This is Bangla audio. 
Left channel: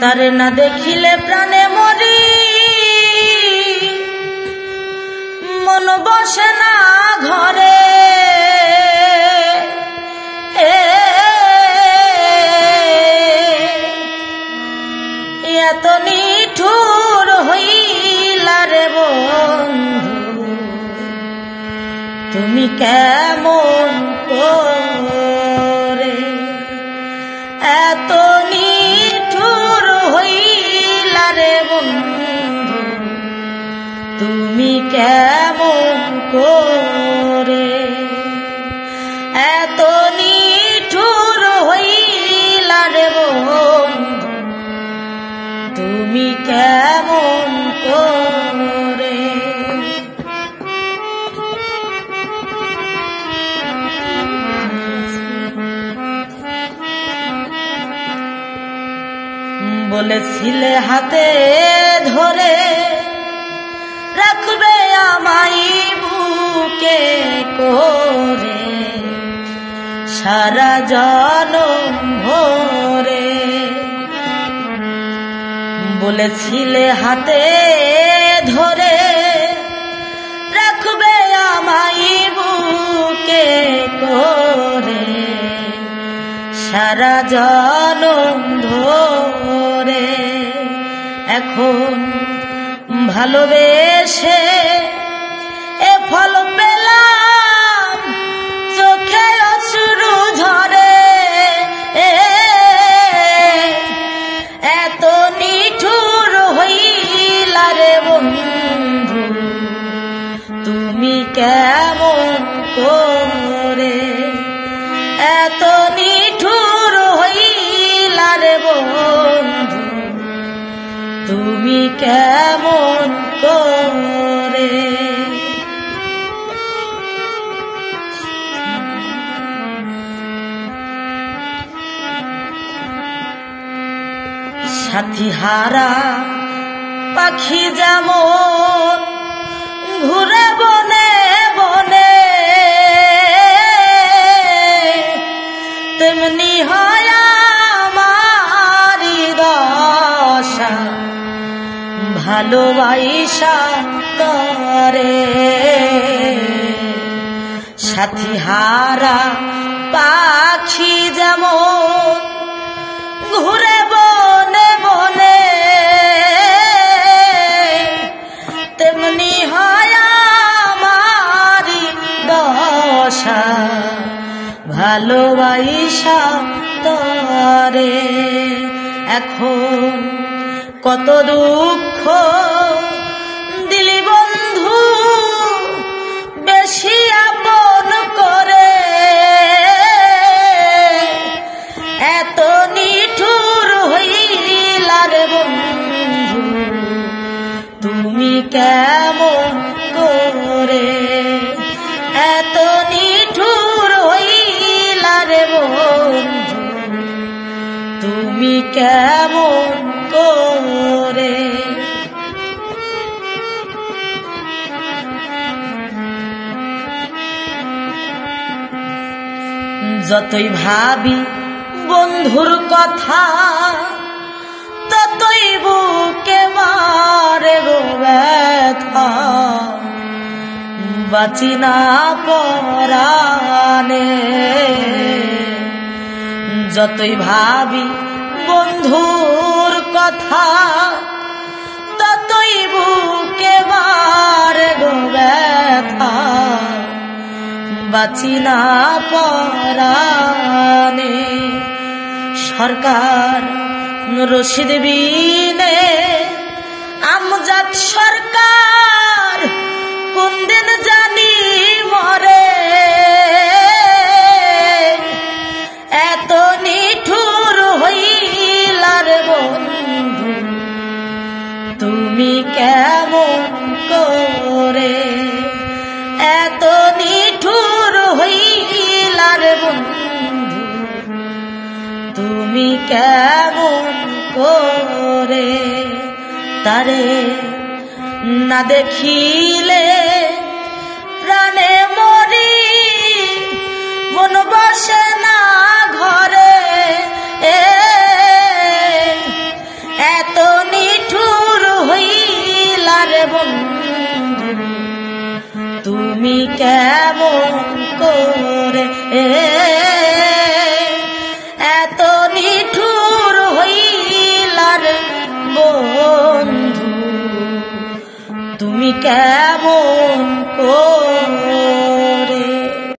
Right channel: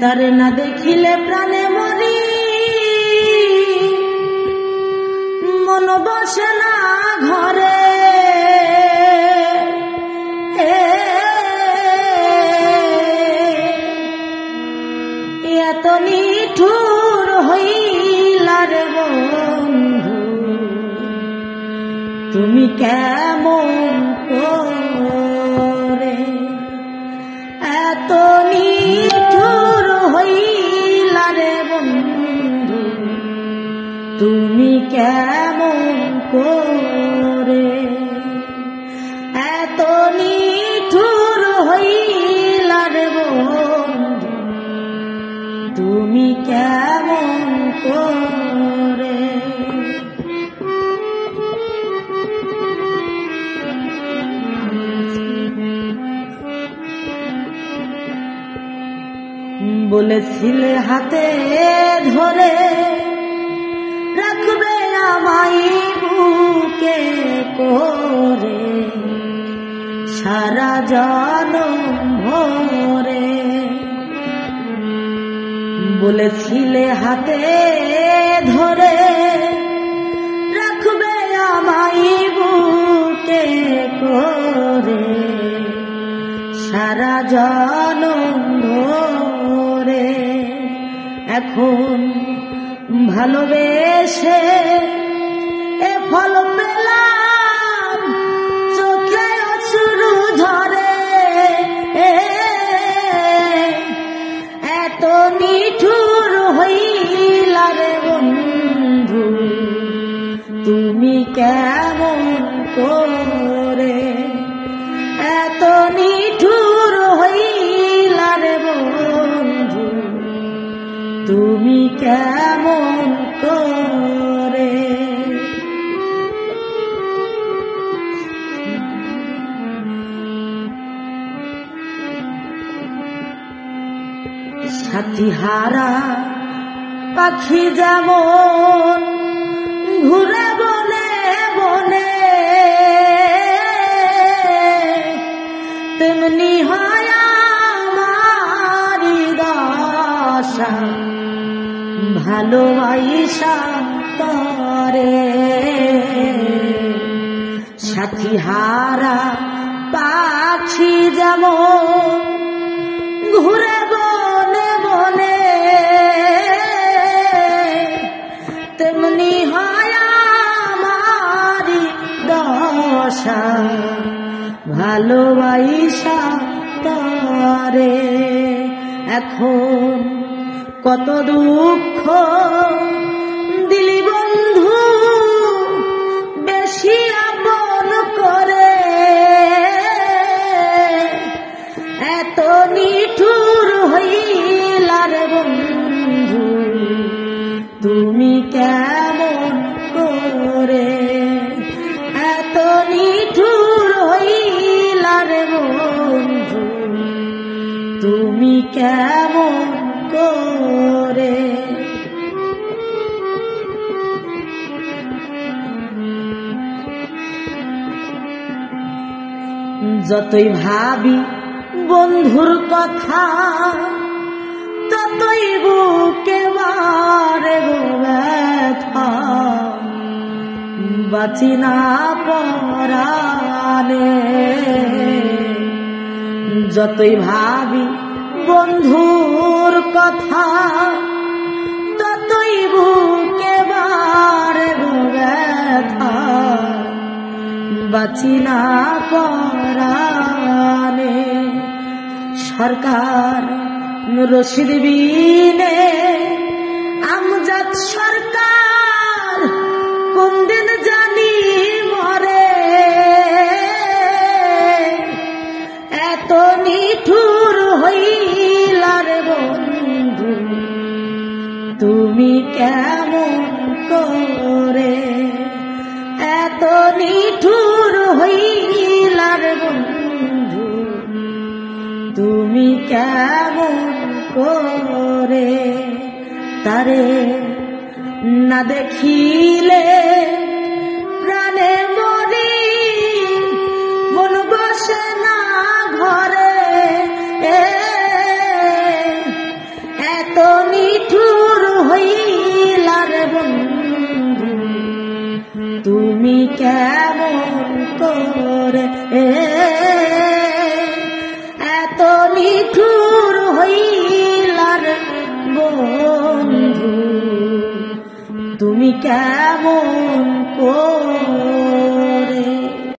তারে না দেখিলে প্রাণে মরি, মন বসে না ঘরে। এত নিঠুর হইলা রে বন্ধু, তুমি কেমন করে। এত নিঠুর হইলা রে বন্ধু, তুমি কেমন করে। এত নিঠুর হইলা রে বন্ধু, তুমি কেমন করে। বলেছিলে হাতে ধরে রাখবে আমায় বুকে করে, সারা জনম ভরে। বলেছিলে হাতে ধরে রাখবে আমায় বুকে করে, সারা জনম ধরে। এখন ভালোবেসে এ ফল পেলাম, চোখে অশ্রু ঝরে। এত নিঠুর হইলা রে বন্ধু, তুমি কেমন করে। এত নিঠুর হইলা রে বন্ধু, তুমি কেমন করে। সাথী হারা পাখি যেমন ঘুরে বনে বনে, তেমনি হয় আমারি দশা, ভালোবাসা করে। সাথী হারা পাখি যেমন ঘুরে বনে বনে, তেমনি হয় আমারি দশা, ভালোবাসা তরে। এখন কত দুঃখ দিলি বন্ধু, বেশি আপন করে। এত নিঠুর হইলা রে বন্ধু, তুমি কেমন করে। এত নিঠুর হইলা রে বন্ধু, তুমি কেমন করে। যতই ভাবি বন্ধুর কথা, ততই বুকে বারে গো ব্যথা। বাঁচি না পরাণে, যতই ভাবি বন্ধুর কথা, ততই বুকে বারে গো ব্যথা। বাঁচি না পরাণে। সরকার রশিদ বিনে আমজাদ সরকার কোন দিন জানি মরে। এত নিঠুর হইলা রে বন্ধু, তুমি কেমন করে। এত নিঠুর হইলা রে বন্ধু, তুমি কেমন করে। তারে না দেখিলে প্রাণে মরি, মন বসে না ঘরে। তুমি কেমন করে এত নিঠুর হইলার বন্ধু, তুমি কেমন করে